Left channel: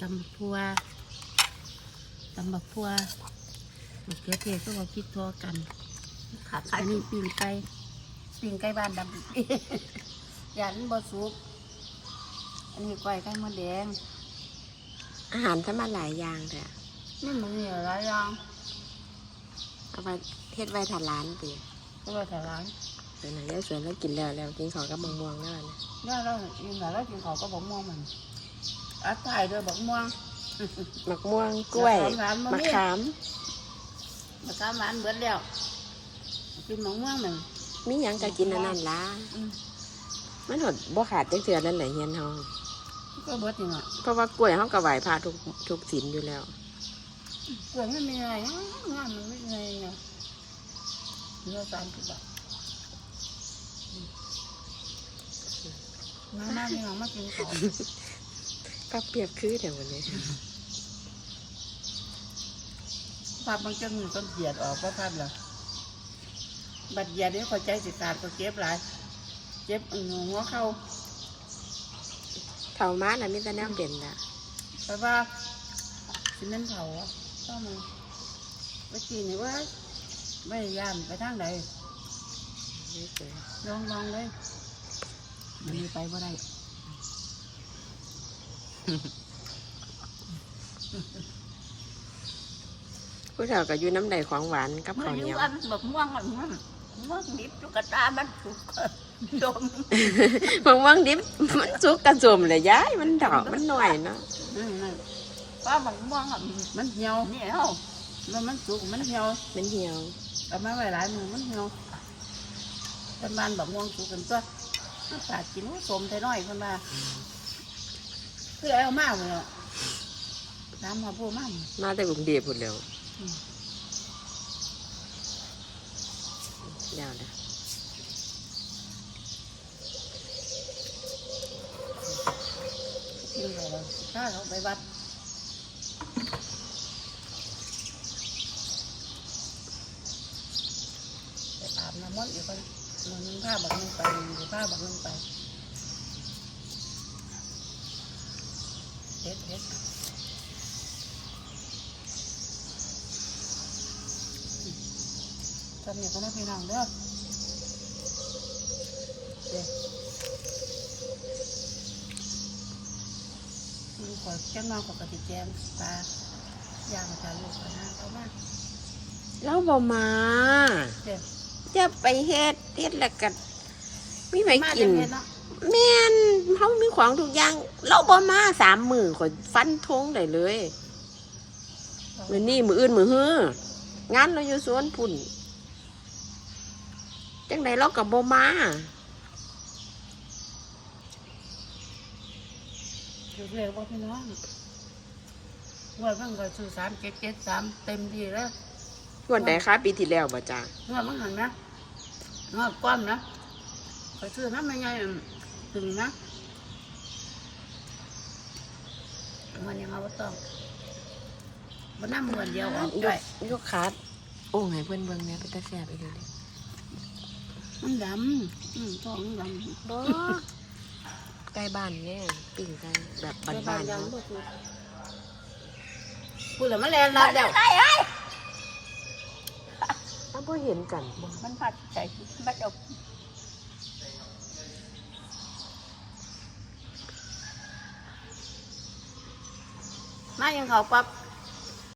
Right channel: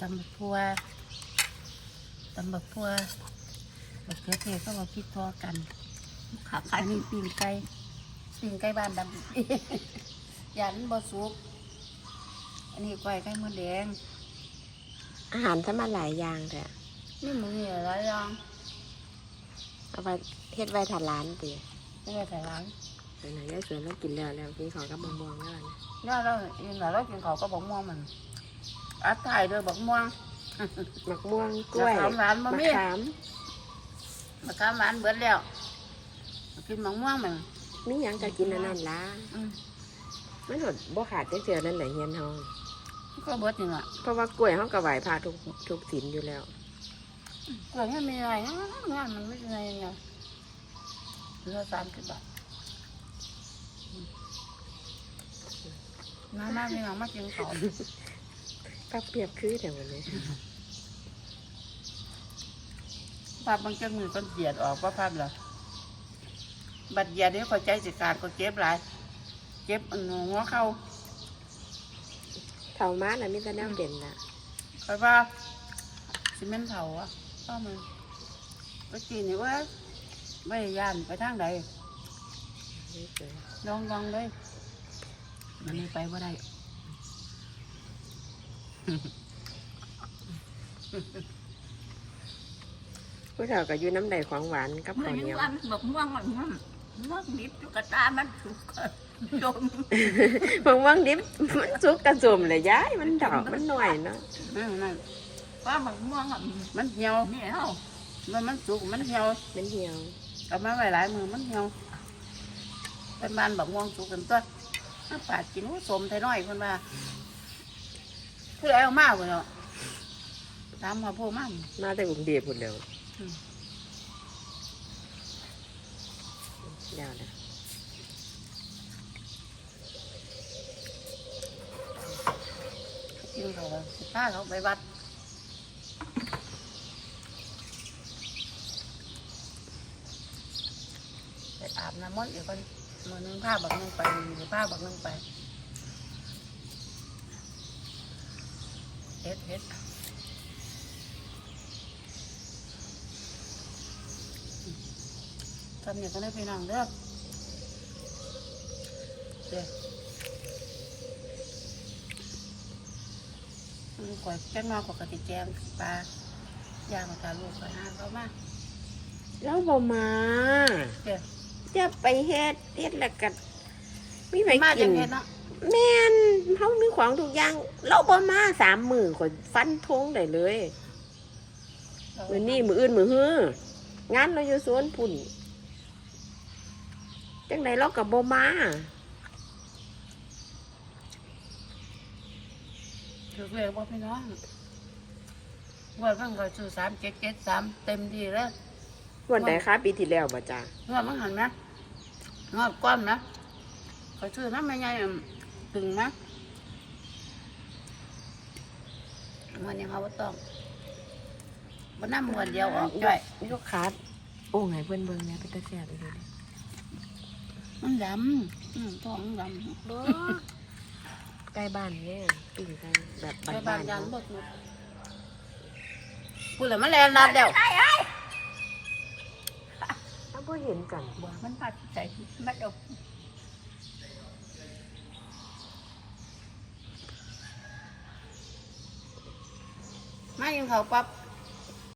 ตำบักพัวตำบักพัวบักเขือเทศก็มาพิดทอกันขาดอันนี้ปิ่งไก่ปิ่งไก่บ้านดำยันบะสุก อันนี้ก้อยไก่มดแดง อาหารทำมาหลายอย่างแต่นี่มันมีหลายอย่างเอาไปเฮ็ดไว้ทานร้านติก็ไปใส่ร้านเดี๋ยวหน่อยยายสวนแล้วกินแล้วแล้วกินของกับมะม่วงแล้วนะย่าเราอินหน่อยเรากินเขาวก็บอกม่วงมัน อัดไทยด้วยบอกม่วงมะม่วงกล้วยมะขามหวานมะมะมีขามมะขามหวานเบิดแล้วกินมะม่วงมันมีหยังก็กินอันนั้นล่ะอืมมันหดบ่ขาดจังเทื่อนั่นแหละเฮียนเฮาก็เบิดจริงอะเพราะว่ากล้วยเฮาก็ไหวพระทุกทุกศีลอยู่แล้ว เกลือไม่มีอะไรนะงานมันไม่มีอะไรเนี่ยเหลือสามสิบบาทน้าหน้าพี่น้องมากินขอ งก็เปรียบคือแต่วันนี้ภาพบางจังมือก็เหยียดออกว่าภาพเหรอบัดเหยียดนี่ก็ใจสิขาดก็เจ็บหลาย เจ็บอันหัวเข้าเท่ามาน่ะมีแต่แนวเป็นน่ะเพราะว่าซีเมนต์เผาอะก็มันไปกินนี่ว่าไม่ย่านไปทางใดนี่เจอลองลองเลยมีไปบ่ได้ ผู้เฒ่าก็อยู่น้ำใดของหวานกับมัข้าวนอเหนียู่ยวอันแบบม่วงอ่อนมันม่วงนิดจุกตามันสุกโดมมะม่วงดิบมันสุกกระสมเลยยายมันดอกมันหน่อยเนาะนั่นนั่นป้าบักม่วงอะมันเหี่ยวเหนียวมันมันสุกมันเหี่ยวมันเหี่ยวเอามาไว้หลายมือมันเหี่ยวเป็นบ้านบักม่วงสุกกันตัวมาปาดกินว่าสมไทน้อยคนมา คือเอามาเลยเนาะตามมาพูดมามาแต่กรุงเทพพุ่นแล้วอืมยาวนะกินเขาเลยถ้าเขาไปวัดไปอาบน้ำมนต์อีกคนมือนึงผ้าบักนึงไปมือผ้าบักนึงไป เฮ็ดเฮ็ดทำอย่างนั้นให้พี่น้องเด้อเด้อมันก่อยแจ้งมาปกติแจงปลาย่างกับลูกไปห้าเขามาเราบ่มาเด้อจะไปเฮ็ดเฮ็ดแล้วก็มีไปมากิจังเลยเนาะ แม่นเฮามีของทุกอย่าง เราบ่มาสามมือข่อยฟันธงได้เลย มื้อนี้มื้ออื่นมื้อฮื้องานเราอยู่สวนพุ่น จังไดเราก็บ่มาถือเรียกว่าพี่น้องว่าเพิ่งก็ซื้อสามเจ็ดเจ็ดสามเต็มที่แล้ววันใดคะปีที่แล้วบ่จ้างวดมันหันนะงวดก้อมนะก็ซื้อน้ำไม่ไง ถึงนะมันยังเอาบ่ต้องมันน้ำมันเดียวออกยด้วยกยกขาดโอ้ให้เพิ่นเบิ่งแหน่เป็นตาแซ่บอีหลีเด้มันดำอืมท้องดำบ่ใกล้บ้านเนี่ยปิ้งไก่แบบไปบ้าบ้านนๆยังเนาะบ่ถูกพูดแล้วมันแลนรัดเดียวถ้าบ่เห็นกันบ่มันผัดใส่บัดเมายังเขาปั๊บ